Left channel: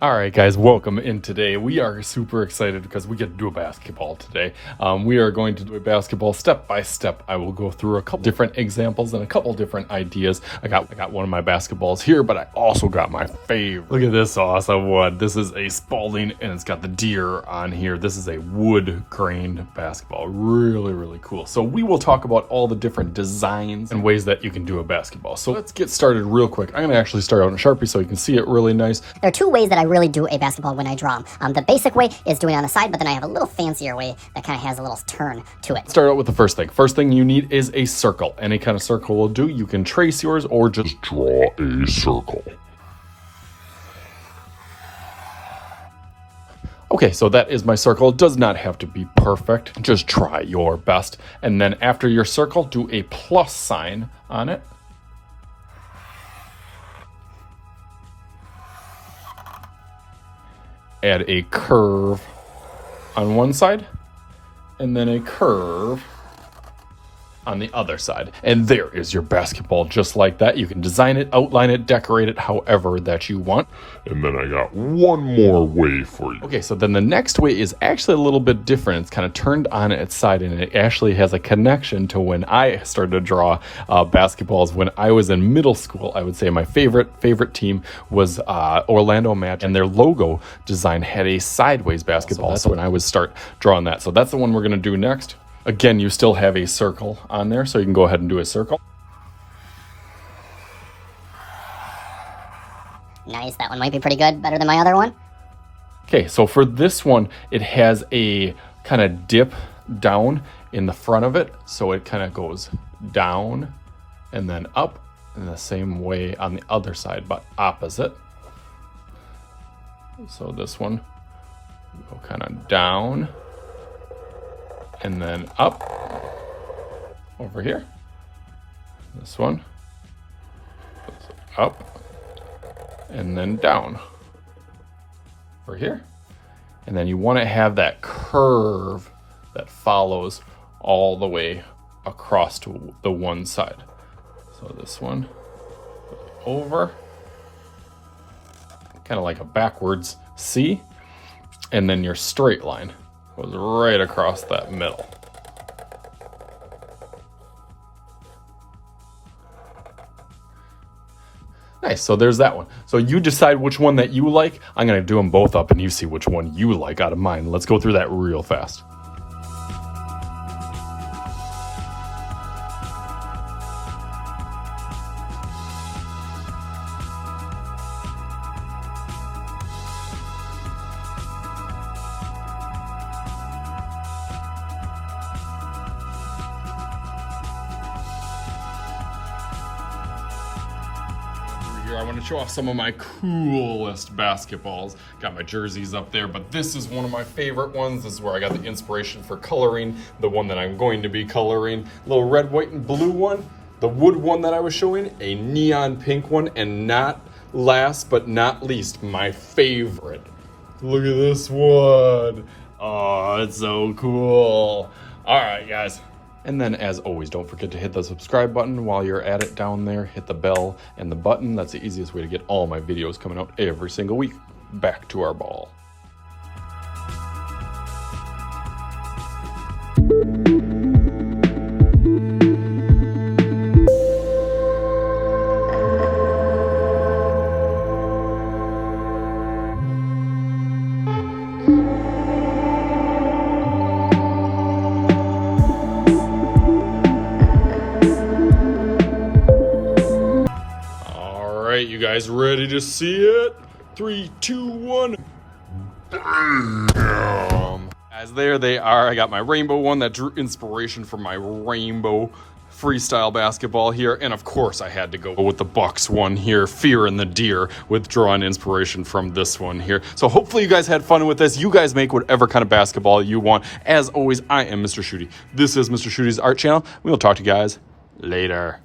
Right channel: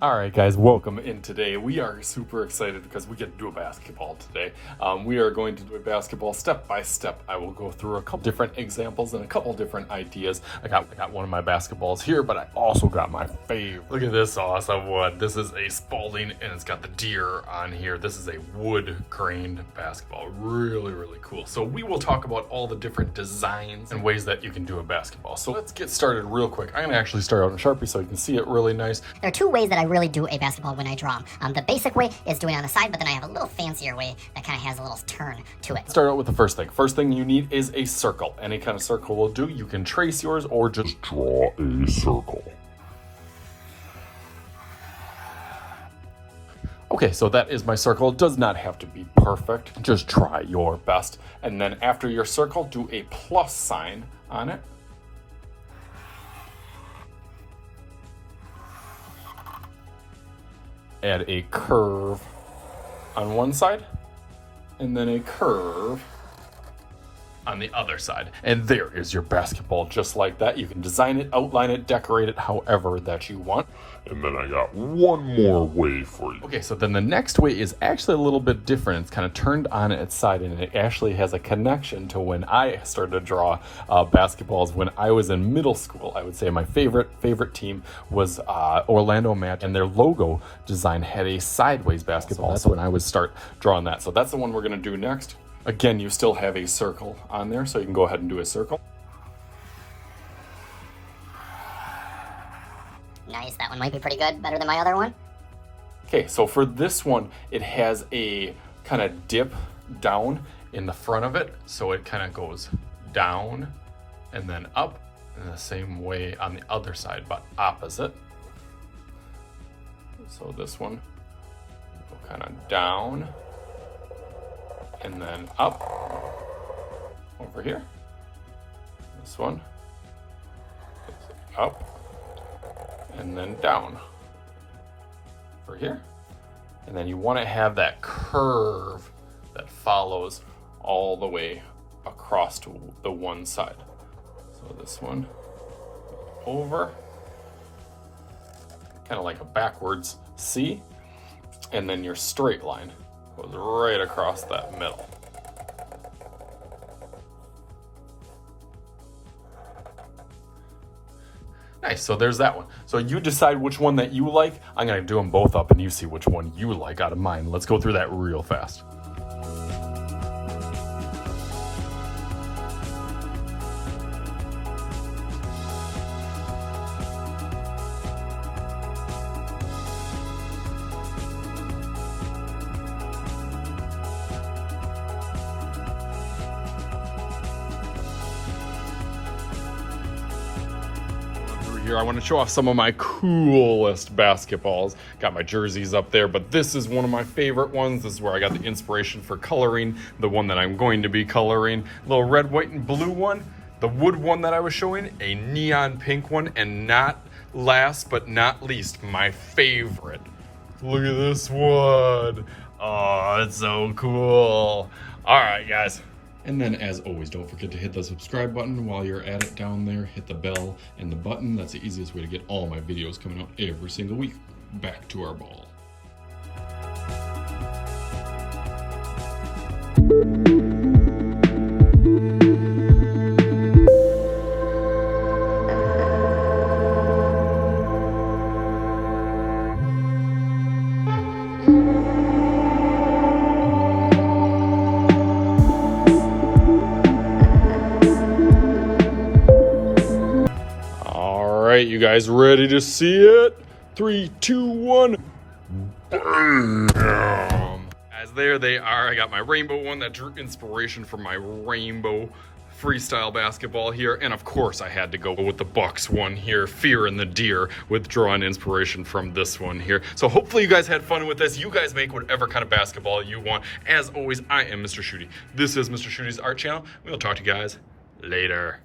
All right, guys, welcome in today. We are super excited because we get to do a basketball today. We are going to do a basketball step by step. I will go through a couple different examples and a couple different ideas. I got one of my basketballs here, but I also got my favorite. Look at this awesome one. This is a Spalding, and it's got the deer on here. This is a wood grained basketball. Really, really cool. So we will talk about all the different designs and ways that you can do a basketball. So let's get started real quick. I'm gonna actually start out in Sharpie so you can see it really nice. There are two ways that I really do a basketball when I draw them. The basic way is doing it on the side, but then I have a little fancier way that kind of has a little turn to it. Start out with the first thing. First thing you need is a circle. Any kind of circle will do. You can trace yours or just draw a circle. Okay, so that is my circle. It does not have to be perfect. Just try your best. And then after your circle, do a plus sign on it. Add a curve on one side, and then a curve on the other side. And there is your basketball, just like that. You can design it, outline it, decorate it however that you want. And then I got one more way for you. Okay, so then the next way is actually a little bit different. It's kind of turned on its side, and it actually has a connection to when I started to draw basketballs. When I was in middle school, I would say my favorite team was Orlando Magic, and their logo design had a sideways basketball. So that's when I would start drawing that. So that's the one we're gonna do next. Again, you still have a circle on there, so you can go ahead and do a circle. Nice, that one might be pretty good, better than my other one. Okay, so for this one, it has a kind of dip down in the front of it, so it kind of goes down and then up in the same way on the other side, but opposite. So this one will go kind of down and then up over here. This one goes up and then down over here. And then you want to have that curve that follows all the way across to the one side. So this one over, kind of like a backwards C, and then your straight line goes right across that middle. Nice, so there's that one. So you decide which one that you like. I'm gonna do them both up and you see which one you like out of mine. Let's go through that real fast. Here, I want to show off some of my coolest basketballs. Got my jerseys up there, but this is one of my favorite ones. This is where I got the inspiration for coloring, the one that I'm going to be coloring. Little red, white, and blue one. The wood one that I was showing, a neon pink one, and not last but not least, my favorite. Look at this one. Oh, it's so cool. All right, guys. And then, as always, don't forget to hit the subscribe button while you're at it down there. Hit the bell and the button. That's the easiest way to get all my videos coming out every single week. Back to our ball. You guys ready to see it? 3, 2, 1. Bam! Guys, there they are. I got my rainbow one that drew inspiration from my rainbow freestyle basketball here. And of course, I had to go with the Bucks one here, Fear and the Deer, with drawing inspiration from this one here. So hopefully you guys had fun with this. You guys make whatever kind of basketball you want. As always, I am Mr. Shooty. This is Mr. Shooty's Art Channel. We'll talk to you guys later.